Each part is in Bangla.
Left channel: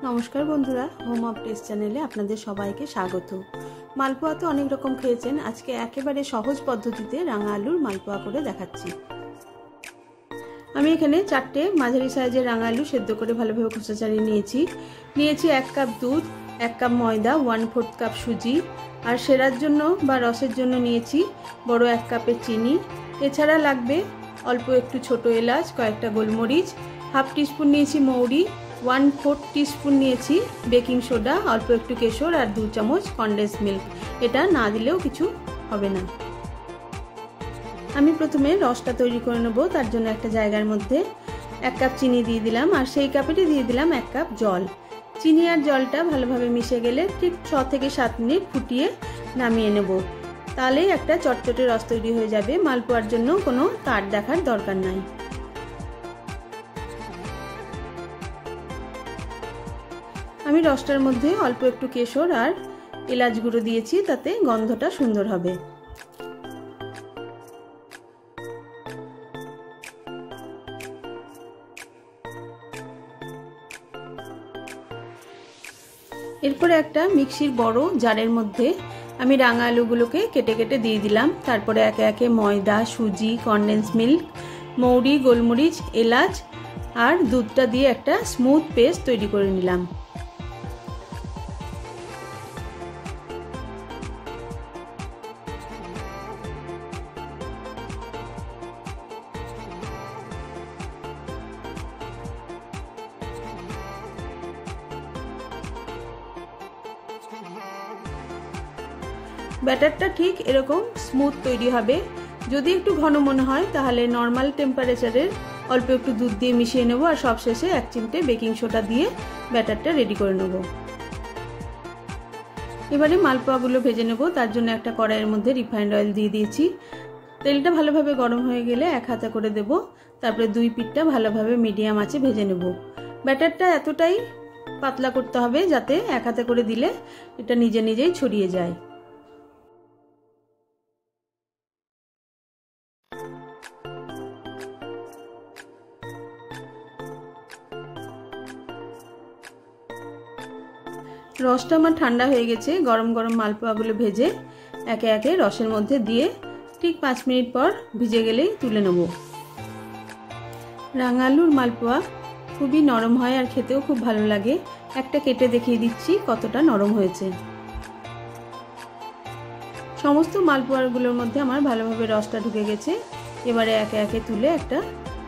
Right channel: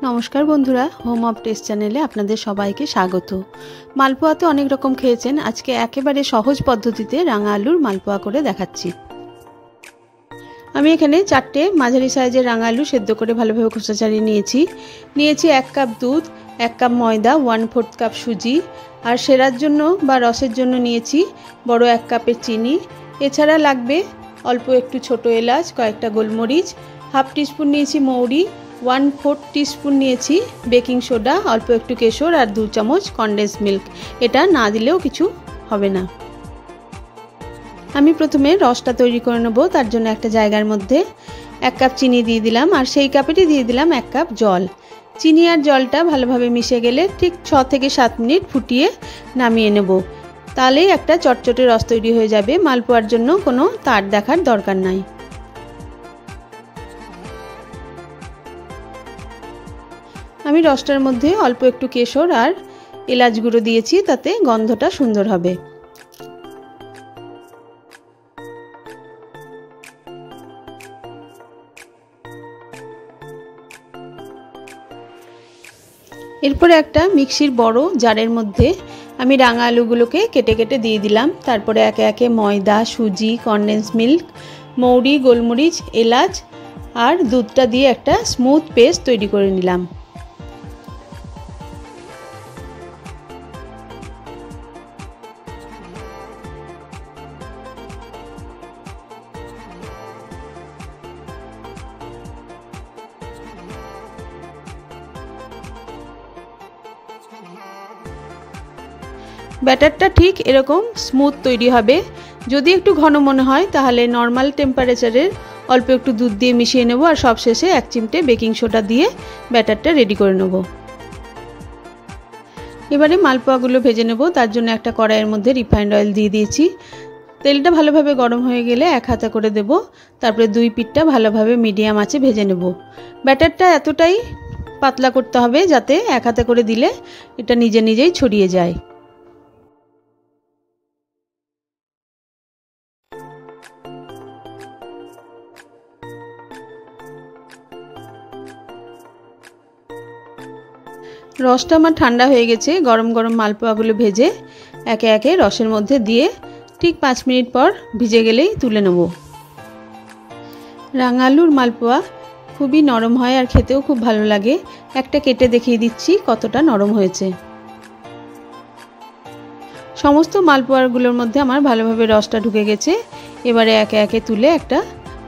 नमस्कार बंधुरा होम अफ टेस्ट चैनेले आपनादेर सबाइके स्वागत। मालपोया तो अनेक रकम खेयेछेन, आज के एकेबारे सहज पद्धतिते रांगा आलुर मालपोया करे देखाच्छि। आमी एखाने चारटे माझारि साइजेर रांगा आलू सेদ্ধ करे भालोभाबे खोसा छाड़िये नियेछि। 1 कप दूध, 1 कप मयदा, 1/4 कप सुजी और सेरार जोन्नो बा रसेर जोन्नो नियेछि बड़ो 1 कपेर चिनी। एछाड़ा लागबे अल्प एकटु छोटो एलाच, कयेकटा गोलमरिच, हाफ टीस्पुन नियेछि मौरी, 1/4 टीस्पुन नियेछि बेकिंग सोडा, अल्प एकटु केशर और 2 चामच कन्डेंस मिल्क। एटा ना दिलेও কিছু হবে না। আমি প্রথমে রসটা তৈরি করে নেব। তার জন্য একটা জায়গার মধ্যে 1 কাপ চিনি দিয়ে দিলাম আর সেই কাপেরই দিয়ে দিলাম 1 কাপ জল। চিনি আর জলটা ভালোভাবে মিশে গেলে ঠিক 6 থেকে 7 মিনিট ফুটিয়ে নামিয়ে নেব। তাহলেই একটা চটচটে রস তৈরি হয়ে যাবে। মালপোয়ার জন্য কোনো তার দেখার দরকার নাই। আমি রসটার মধ্যে অল্প একটু কেশর আর এলাচ গুঁড়ো দিয়েছি, তাতে গন্ধটা সুন্দর হবে। এরপরে একটা মিক্সির বড় জারের মধ্যে আমি রাঙা আলুগুলোকে কেটে কেটে দিয়ে দিলাম। তারপরে একে একে ময়দা, সুজি, কনডেন্স মিল্ক, মৌরি, গোলমরিচ, এলাচ আর দুধটা দিয়ে একটা স্মুথ পেস্ট তৈরি করে নিলাম। ব্যাটারটা ঠিক এরকম স্মুথ তৈরি হবে। যদি একটু ঘন মনে হয় তাহলে নর্মাল টেম্পারেচারের অল্প একটু দুধ দিয়ে মিশিয়ে নেব আর সবশেষে 1 চিমটে বেকিং সোডা দিয়ে ব্যাটারটা রেডি করে নেব। এবারে মালপোয়াগুলো ভেজে নেব। তার জন্য একটা কড়াইয়ের মধ্যে রিফাইন্ড অয়েল দিয়ে দিয়েছি। তেলটা ভালোভাবে গরম হয়ে গেলে 1 হাতা করে দেব। তারপরে 2 পিঠটা ভালোভাবে মিডিয়াম আঁচে ভেজে নেব। ব্যাটারটা এতটাই পাতলা করতে হবে যাতে 1 হাতা করে দিলে এটা নিজে নিজেই ছড়িয়ে যায়। রসটা আমার ঠান্ডা হয়ে গেছে। গরম গরম মালপোয়াগুলো ভেজে একে একে রসের মধ্যে দিয়ে ঠিক 5 মিনিট পর ভিজে গেলেই তুলে নেব। রাঙা আলুর মালপোয়া খুবই নরম হয় আর খেতেও খুব ভালো লাগে। একটা কেটে দেখিয়ে দিচ্ছি কতটা নরম হয়েছে। সমস্ত মালপোয়াগুলোর মধ্যে আমার ভালোভাবে রসটা ঢুকে গেছে। এবারে একে একে তুলে একটা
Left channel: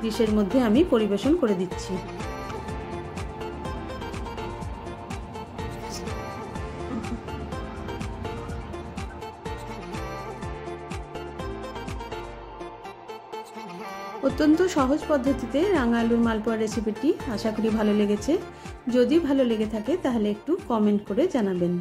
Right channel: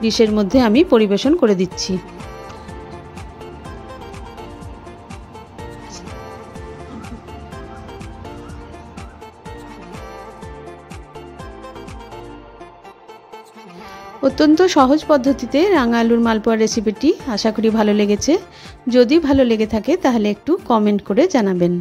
ডিশের মধ্যে আমি পরিবেশন করে দিচ্ছি। অত্যন্ত সহজ পদ্ধতিতে রাঙা আলুর মালপোয়া রেসিপিটি আশা করি ভালো লেগেছে। যদি ভালো লেগে থাকে তাহলে একটু কমেন্ট করে জানাবেন।